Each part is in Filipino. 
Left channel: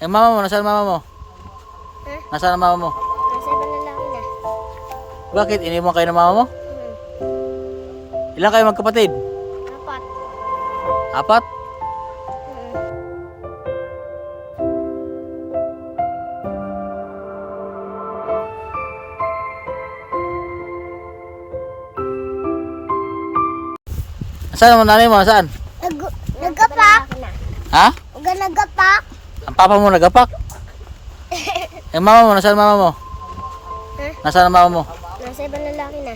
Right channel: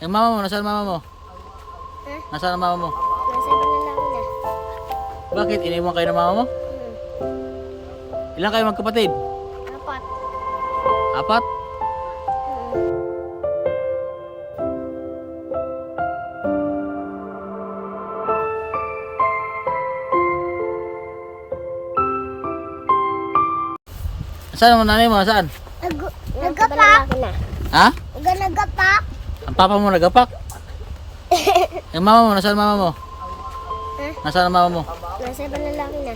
Eh, mama mo, nasaan mama mo? Ha? Nasaan ang mama mo? Nasa ibang lalaki na. Bakit? Iniwan kayo ng mama mo? Ilan kayo magkapatid? Apat. Apat? Nasaan ang nanay mo? Nasaan? Nagapak. Ha? Nagapak. Ang papa mo nagapak? Eh, mama mo, nasaan mama mo? Ha? Nasaan ang mama mo? Nasa ibang lalaki na.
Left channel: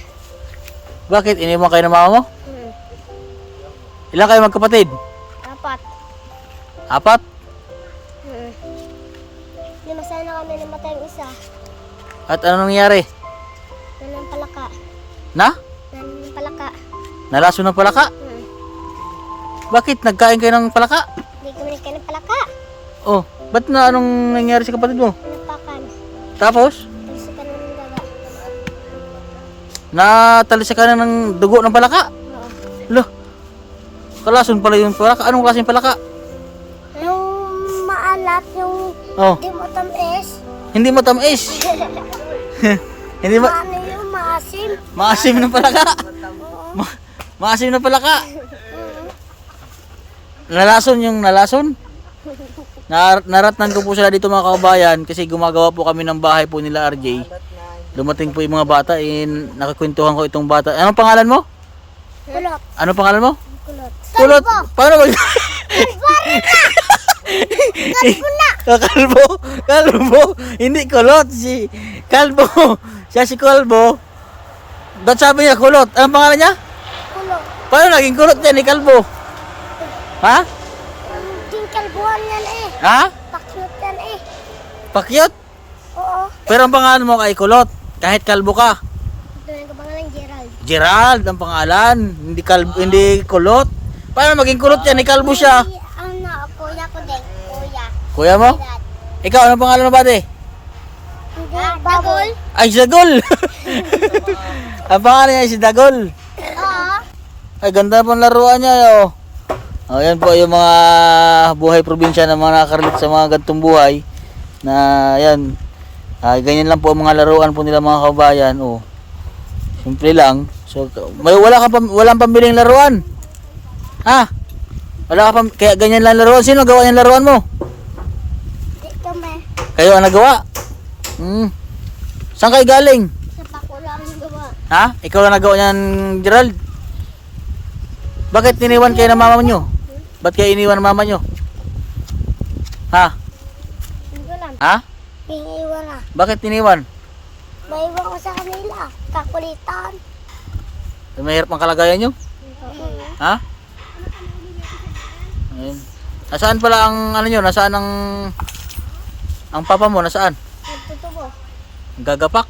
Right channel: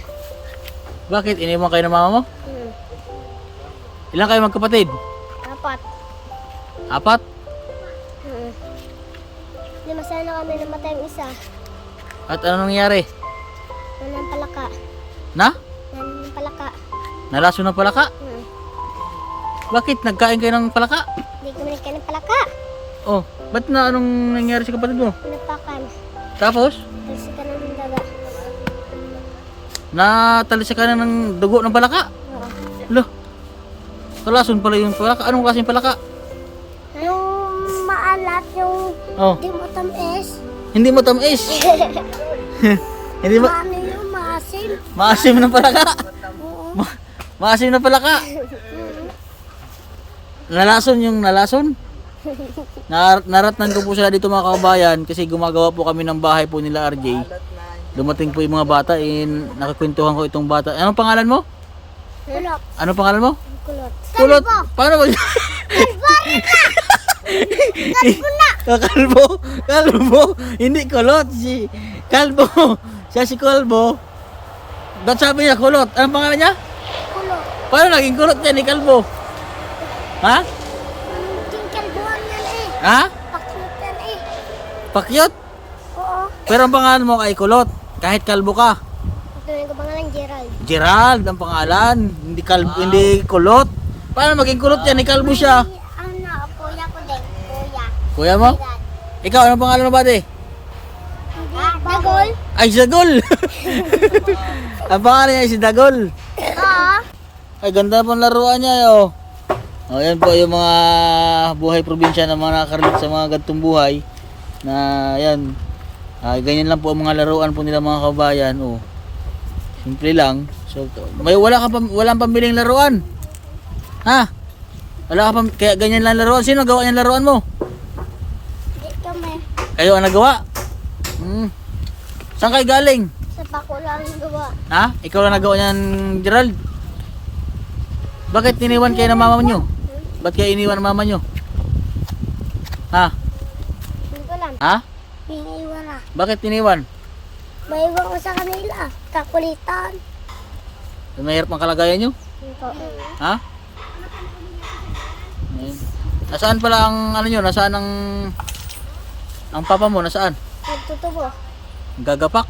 Bakit? Iniwan kayo ng mama mo? Hmm. Ilan kayo magkapatid? Apat. Apat? Hmm. Lima sana kami namatay ang isa. At ano nangyari? Nanang palaka. Na? Nanang palaka. Nalaso ng palaka? Bakit? Nagkain kayo ng palaka? Hindi kami nagkain ng palaka. Oh, ba't na anong nangyari sa kapatid mo? Pinapakan. Tapos, Talsikan na ng daga. natalisa ka na ng dugo ng palaka? Oo. Lo, kalason pala yung palaka. Anong klaseng palaka? Yung maalat, yung Oh, di mo tamis. hindi mo tamis. Hindi mo, Ano yung maasim. maasim ng palaka. Oo. Maasim ng palaka. Nalason yung nalason. Naratnan ko po sila dito mga kababayan kasi gumagawa po kami ng bahay po nila RJ. Dumating po yung mga bata, nakakwentuhan ko itong bata. Anong pangalan mo? Kulot. Anong pangalan mo? Kulot. Kulot. Paano mag... Kalbo. Kalbo. Hindi kulot. Si Kalbo. Siya si Kalbo. Ba't sabi niya kulot? Anong pangalan niya? Kulot. Paano naging kulot yan ni Kalbo? Ha? Yung kalbuhan yan eh. Ha? Pakyut yan eh. Pakyot? Oo. Pero ang pangalan mo kay kulot. Kahit kalbo ka. Ito na ko pangalan Gerald. Gerald ang pangalan. Hindi kalbo, hindi kulot. Paano maging kulot yan ni Kalbo siya? Ano, kuya ko din. Kuya. Kuya mo? Gerald. Ikaw, anong pangalan mo ba, de? Dagol? Ay, si Dagol! Ang pangalan niya ay si Dagol. Oo. Ay, ganda po ang laruan niya, oh. Oh, yan po yung mga buhay probinsya na mga nakakaroon sa mga gantong buhay. Na, yan. Ay, ganyan lang po ang mga laruan po nila mga kabayan, oh. Simple lang. So, walang pambiling laruan. Ha? Wala ka pang, kaya ganyan lang laruan. Sino gawa yung laruan mo? Di kami. Kayo ang nagawa? Saan kayo galing? Sa pako lang yung gawa. Ha? Ikaw lang nagawa niyan, Gerald? Bakit iniwan kayo ng mama nyo? Ba't kayo iniwan ng mama nyo? Ha? Hindi ko alam. Ha? Iiwan na. Bakit iniwan? Maiwan ko sa kanila. Kakulitan. Mahirap ang kalagayan nyo? Ha? Ayun. Nasaan pala ang ano nyo? Nasaan ang papa mo? Nasaan? Nagtutubo. Gagapak?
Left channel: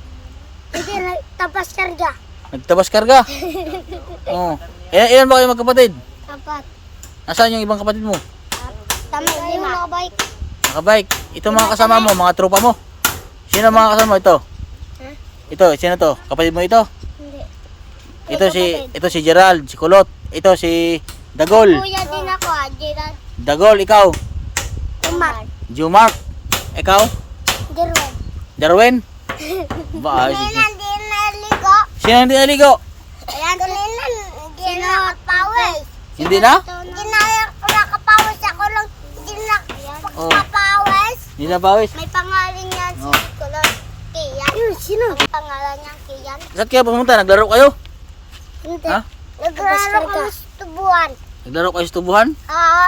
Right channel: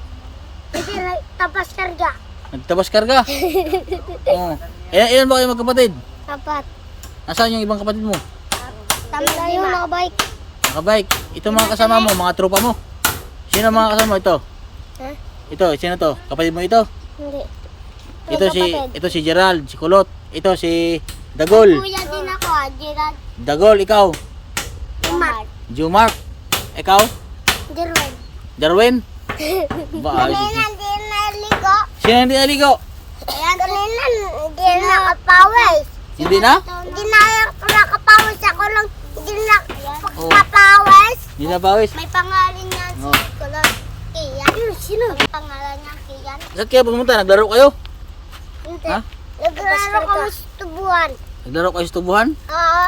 Hindi, tapos karga. Nagtabas karga? Oo. Ilan ba kayo magkapatid? Apat. Nasaan yung ibang kapatid mo? Tayo nakabike. Nakabike. Ito mga kasama mo, mga tropa mo. Sino mga kasama mo? Ito? Ha? Ito, sino to? Kapatid mo ito? Hindi. Ito si Gerald, si Kulot. Ito si Dagol. Kuya din ako, Gerald. Dagol, ikaw. Umar. Jumark. Ikaw? Gerald. Darwin. Ba, Kanina hindi naligo. sino hindi naligo? Ayan, kanina hindi nakapawis. Hindi na? Hindi na ako nakapawis. Ako lang hindi Oh. nakapawis. Hindi na bawis. May pangalan niya si Oh. Kulot. Kian. Sino? Ang pangalan niya Kian. Saan kayo pumunta? Naglaro kayo? Hindi. Ha? Naglaro kami sa tubuan. Naglaro kayo sa tubuhan? Oo.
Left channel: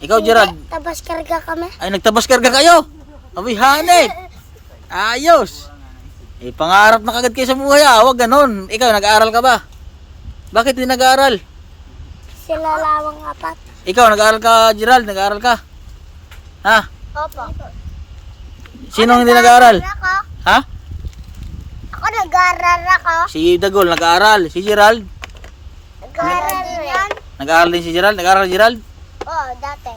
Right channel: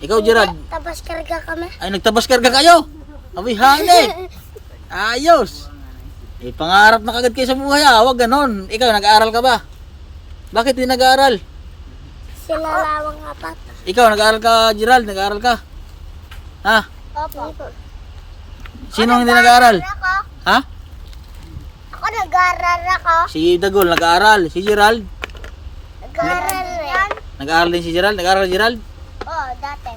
Ikaw, Gerald? Tapos karga kami. Ay, nagtabas karga kayo? Abay, hane. Ayos. Eh, pangarap na kagad kayo sa buhay, ah. Huwag ganon. Ikaw, nag-aaral ka ba? Bakit hindi nag-aaral? Sila lawang apat. Ikaw, nag-aaral ka, Gerald? Nag-aaral ka? Ha? Opo. Sino hindi nag-aaral? Ako. Ha? Ako nag-aaral ako. Si Dagol, nag-aaral. Si Gerald? Nag-aaral rin. Nag-aaral din si Gerald? Nag-aaral Gerald? Oo, dati.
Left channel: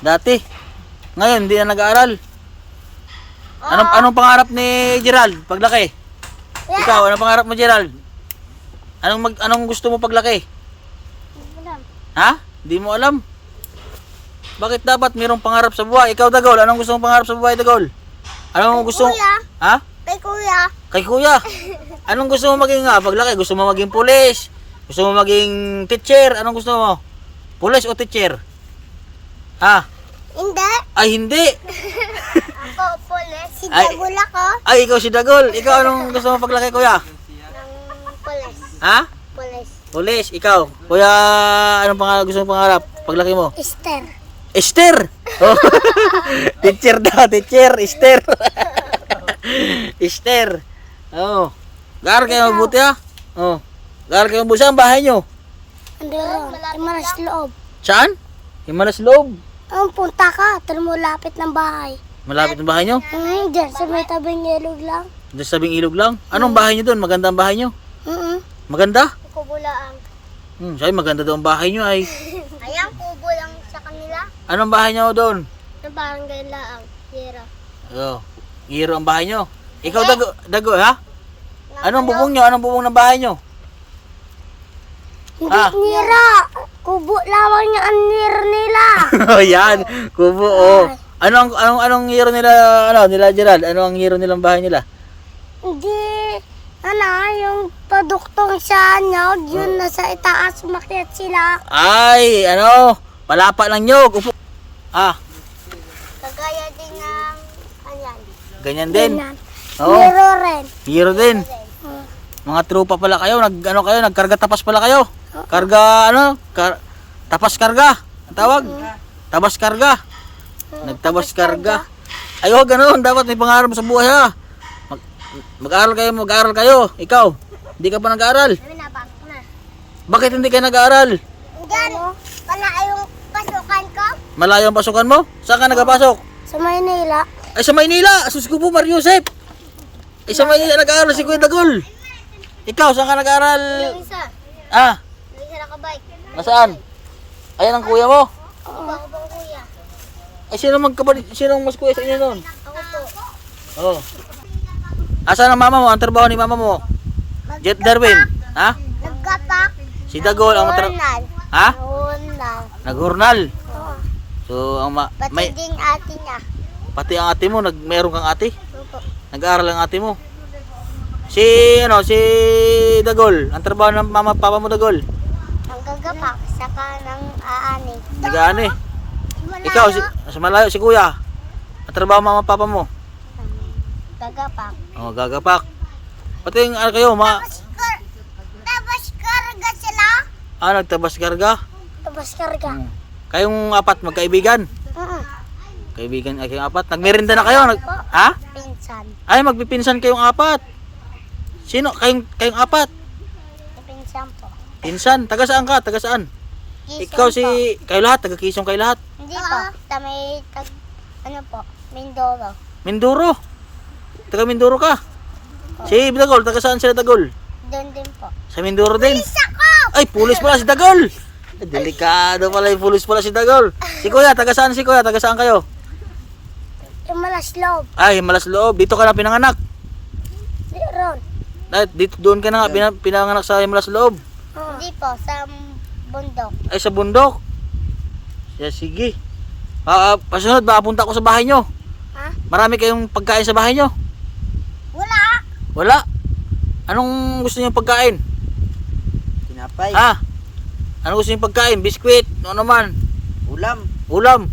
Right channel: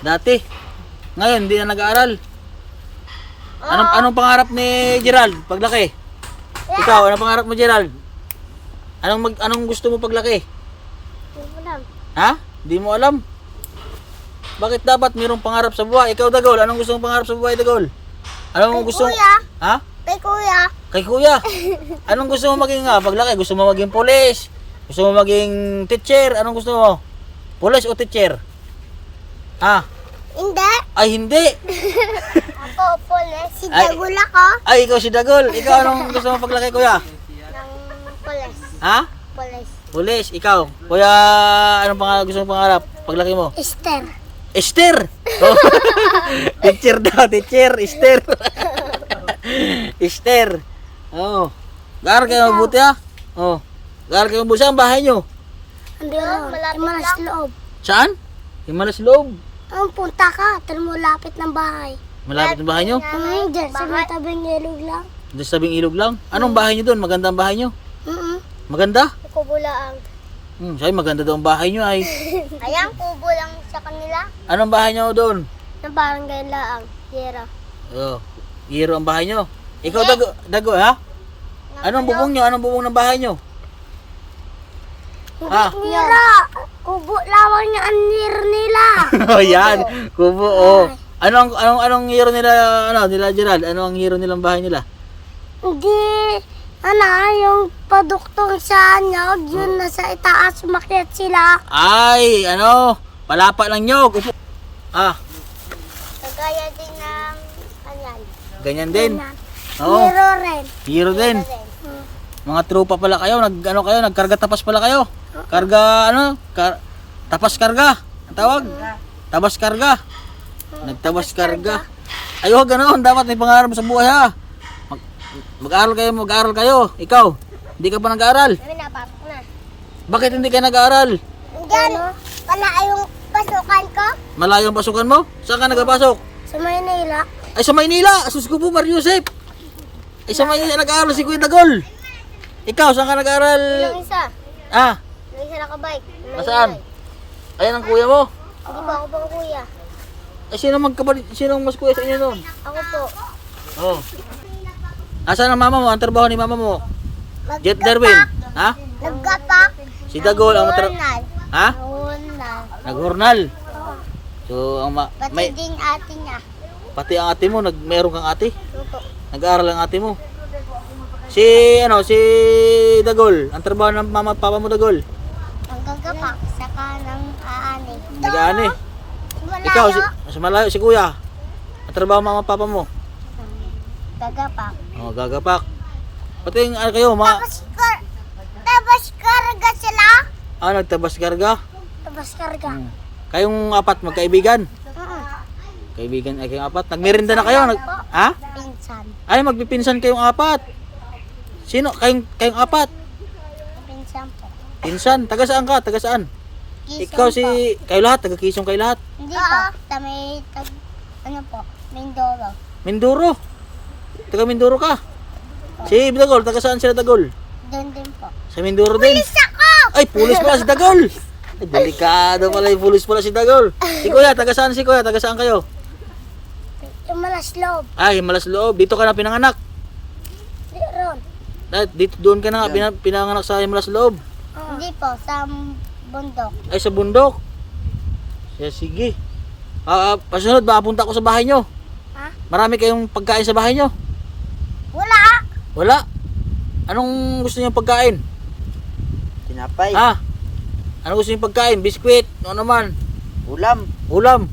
Dati. Ngayon, hindi na nag-aaral. Anong pangarap ni Gerald paglaki? Ikaw, anong pangarap mo, Gerald? Anong gusto mo paglaki? Hindi ko alam. Ha? Hindi mo alam. Bakit dapat mayroong pangarap sa buhay? Ikaw, Dagol, anong gusto mong pangarap sa buhay, Dagol? Anong gusto mo? Kuya. Ha? Kay kuya. Kay kuya. Anong gusto mo maging paglaki? Gusto mo maging pulis? Gusto mo maging teacher? Anong gusto mo? Pulis o teacher? Ha? Hindi. Ay, hindi. Ako, pulis. Si Ay. Dagul ako. Ay, ikaw si Dagol. Ikaw, anong gusto mo paglaki, kuya? Ng pulis. Ha? Pulis. Pulis, ikaw. Kuya, anong gusto mong pangarap paglaki mo? Esther. Esther! Oh. Teacher daw, teacher, Esther. Esther. Oh. Gar kayo mabuti ha? Oh. Gar kayo mabuti. Saan ang bahay nyo? Andun. Imanas loob. Saan? Himalas loob. Punta ka. Tara mo lapit ng bahay. Malapit ang bahay nyo? Diyan sa may tabing ilog lang. Doon sa sabing ilog lang. Anong bahay nyo doon? Maganda ang bahay nyo? Maganda? Kubo lang. Sabi maganda daw ang bahay nyo ay. Ayan, kubo lang sa kanila. Anong bahay nyo doon? Na barangay lang. Hira. Oh. Hiro ang bahay nyo. Ikaw Dago ha? Anong bubong nyo? Anong bubong ng bahay nyo? Ha? Hira. Kubo lamang yung anir nila. Oh, yan. Kubo, oh. Anong hero nila, nila Gerald? Ano ang hero nilang bahay nila? Hindi. Yung paduktong sa anyog, yun nasa itaas, umakyat sila. Ay, palapa ng nyog. Upo. Ah, Kagaya din ng kanyan. ganyan din. Oo, Hero rin. hero din. Mga tropa pala kayo, nagkarga tapas pala kayo. Karga, tapas karga. Ang tawag? Tabas karga. Nagtabas karga. Ay, huwag ganoon. Dapat may pangarap sa buhay ha. Mag-aral kayo. Ikaw, hindi ka pa nag-aaral. Kami napasok na. Bakit hindi ka nag-aaral? Hindi, wala yung pasukan ko. Malayo ang pasukan mo? Saan ka nagpasok? Sa Maynila. Ay, sa Maynila. Asus ko po, Mario Joseph. Ay, sa Maynila nag-aaral si Kuya Dagol. Ikaw, saan ka nag-aaral? Yung isa. Ah, Yung isa nakabike. nasaan? Ayan ang kuya mo. Hindi ba ako bang kuya? Ay, sino mas kuya sa inyo noon? Ako po. Oo. Asan ang mama mo? Ang trabaho ni mama mo? Darwin. Ha? Naggapak. Si Dagol ang Ronald. Ha? Ronald. Nag-hurnal. So, Pati din ate niya. pati ang ate mo, meron kang ate? Opo. Nag-aaral ang ate mo. Si Dagol, ang trabaho ng mama at papa mo, Dagol. Nanggagapak. Saka ng aani. Nag-aani. Malayo. Ikaw, sa malayo, si kuya. Ang trabaho ng mama at papa mo. Gagapak. Oh, gagapak. Pati yung kayo, Tapos karga sila. nagtabas karga. Tapos karga. Kayong apat magkaibigan. Kaibigan ay kayong apat. Nagmerinda na kayo. Ha? Pinsan. Ay, magpipinsan kayong apat. Sino? Kayong apat. Pinsan po. Pinsan. Taga saan ka? Taga saan? Quezon Ikaw po. kayo lahat. Taga Quezon kayo lahat. Hindi po. Sa may, ano po, Mindoro. Mindoro. Taga Mindoro ka. Si Dagol. Taga saan sila Dagol? Doon din po. Sa Mindoro din. Ako! Ay, pulis pala si Dagol. Ay, delikado pala yung pulis pala si Dagol. Si Kuya, taga saan si Kuya? Taga saan kayo? Yung malas loob. Ay, Malas Loob. Dito ka na pinanganak. Ron. Dito doon ka na nga pinanganak sa Malas Loob. Hindi po, sa bundok. Ay, sa bundok. Yeah, sige. Pasunod, makapunta ko sa bahay nyo. Ha? Marami kayong pagkain sa bahay nyo. Wala! Wala. Anong gusto niyo pagkain? Tinapay. Ha? Anong gusto niyo pagkain? Biskwit? Ano naman? Ulam. Ulam?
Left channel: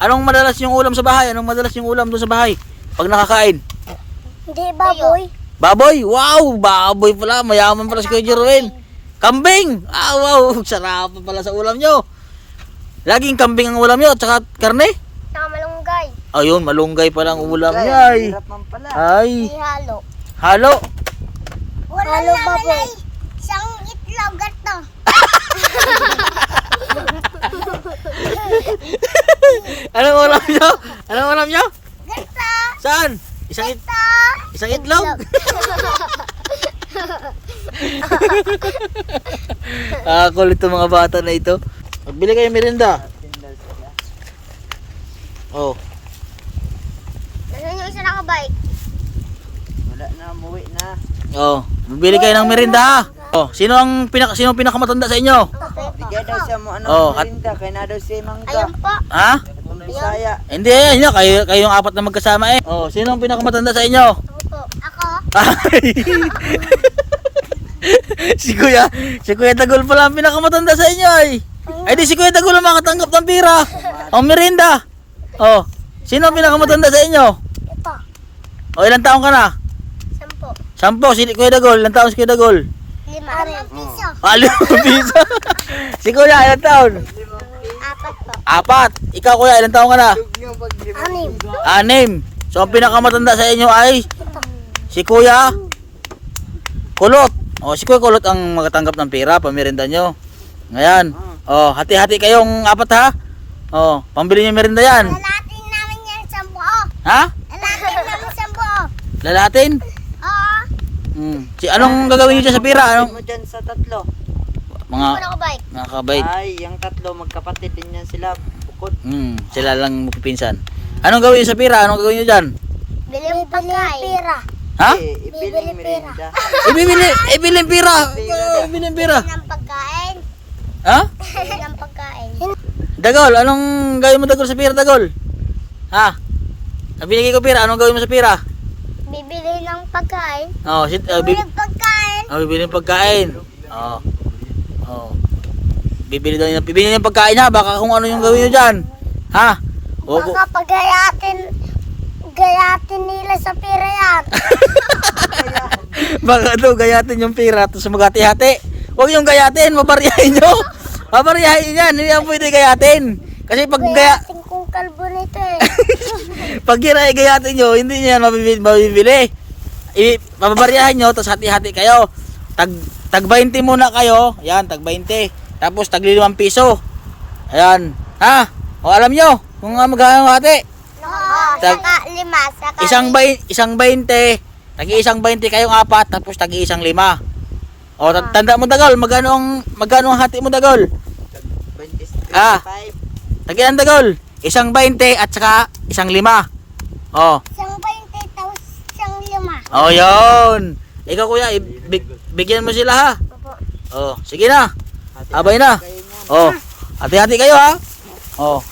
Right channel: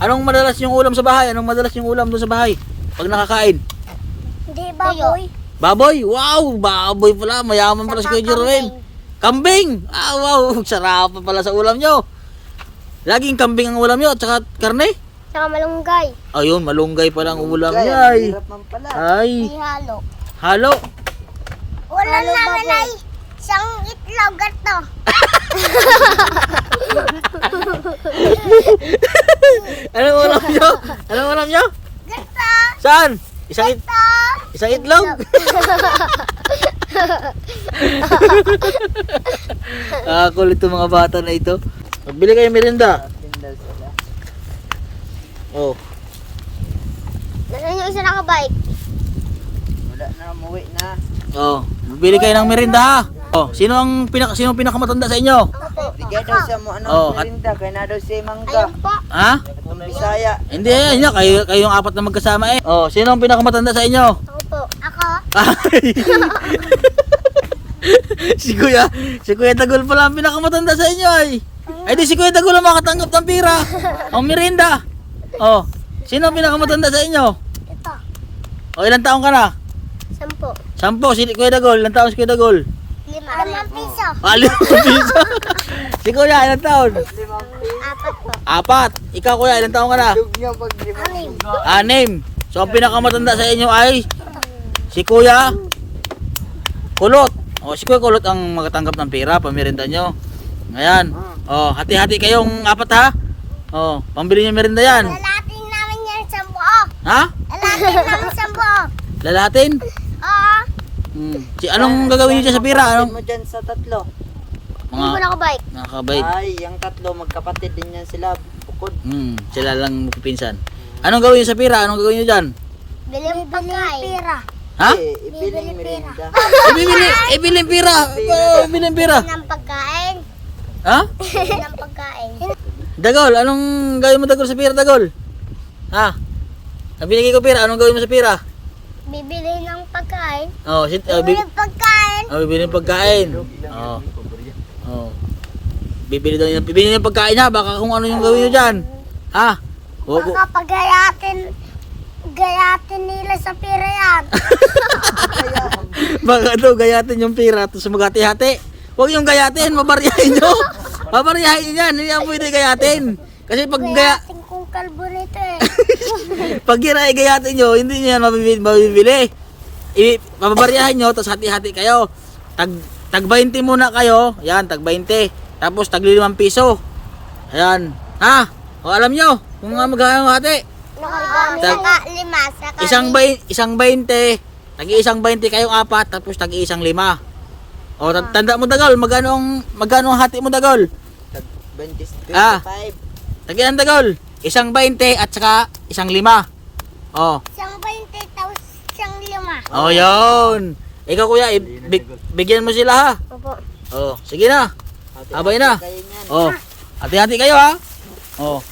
Anong madalas yung ulam sa bahay? Anong madalas yung ulam doon sa bahay? Pag nakakain? Hindi baboy. Baboy? Wow! Baboy pala. Mayaman pala si Kuya Jerwin. Kambing! Ah, wow! Sarap pala sa ulam nyo. Laging kambing ang ulam nyo at saka karne? Saka malunggay. Ayun, malunggay palang ulam Ay, niya ay. hirap man pala. Ay, May halo. halo. Wala namin ay isang itlog ito. Anong ulam nyo? Anong ulam nyo? Gata! Saan? Isang itlog? Kulit itong mga bata na ito. Magbili kayo merinda. Tinda sila. Oh. Nasaan yung isa nakabike? Wala na, umuwi na. Oh, magbili kayo ng merinda ha. Oh, sino ang pinakamatanda sa inyo? Bigay daw siya mo ano Oh, merinda kay na daw siya mangga. Ayun po. Ha? Katong Bisaya. Hindi, ayan nyo. Kayo yung apat na magkasama eh. Oh, sino ang pinakamatanda sa inyo? Ako po. Ako? Ay. si Kuya Dagol pala ang pinakamatanda sa inyo ay. Ay di si Kuya Dagol ang makatanggap ng pira. Ang merinda. Oh, sino ang pinakamatanda sa inyo? Ito. O ilang taon ka na? 10. 10, si Kuya Dagol. Ilang taon si Kuya Dagol? 5 piso. Limang piso. Si Kuya, ilang taon? 4 po. 4. Ikaw Kuya, ilang taon ka na? Dugnaw pag 6. 6. So ang pinakamatanda sa inyo ay si Kuya Kulot. O si Kuya Kulot ang magatanggap ng pera, pamirinda nyo. Ngayon. O, hati-hati kayong 4 ha. O, pambili nyo merinda yan. Lalatin namin yan sa buo. Ha? Lalatin namin sa buo. Lalatin? Oo. Si anong gagawin nyo dyan sa pera? Anong? mo dyan sa tatlo. Mga Hindi mo na bike. nakakabait. Ay, yung tatlo magkapatid din yan sila. Bukod. Sila lang magpipinsan. Anong gawin nyo sa pera? Anong gagawin nyo dyan? Biling pagkain. Pira. Ha? Ibiling merinda. Ibilin pera. Ibilin pera. Ng pagkain. Ha? Ng pagkain. Dagol, anong gawin mo Dagol sa pera Dagol? Ha? Binigay ko pera, anong gawin mo sa pera? Bibili ng pagkain. Oh, Bibili ng pagkain. bibili ng pagkain. Bibili ng pagkain ha, baka kung ano yung gawin nyo dyan. Ha? Baka pagayatin nila sa pira yan. Baka daw gayatin yung pera tapos magati-hati. Huwag yung gayatin, mabaryahin nyo. Mabaryahin yan, hindi yan pwede gayatin. Kasi pag Gayatin kong kalbo nito eh. pag gayatin nyo, hindi nyo yan mabibili. Mababaryahin nyo, tapos hati-hati kayo. Tag 20 muna kayo, yan, tag 20. Tapos tag 5 piso. Ayan, ha? O alam nyo, kung maghahati. Oo, saka 5. Isang 20, tag-isang 20 kayong 4, tapos tag-isang 5. O, tanda mo Dagol, magano ang hati mo Dagol? 25. Tag-ilan Dagol? Isang 20 at saka isang 5. O, Isang 20 tapos isang 5. o yun. Ikaw Kuya, bigyan mo sila ha. O, sige na. Abay na. Kayo niyan. O, hati-hati kayo ha. O,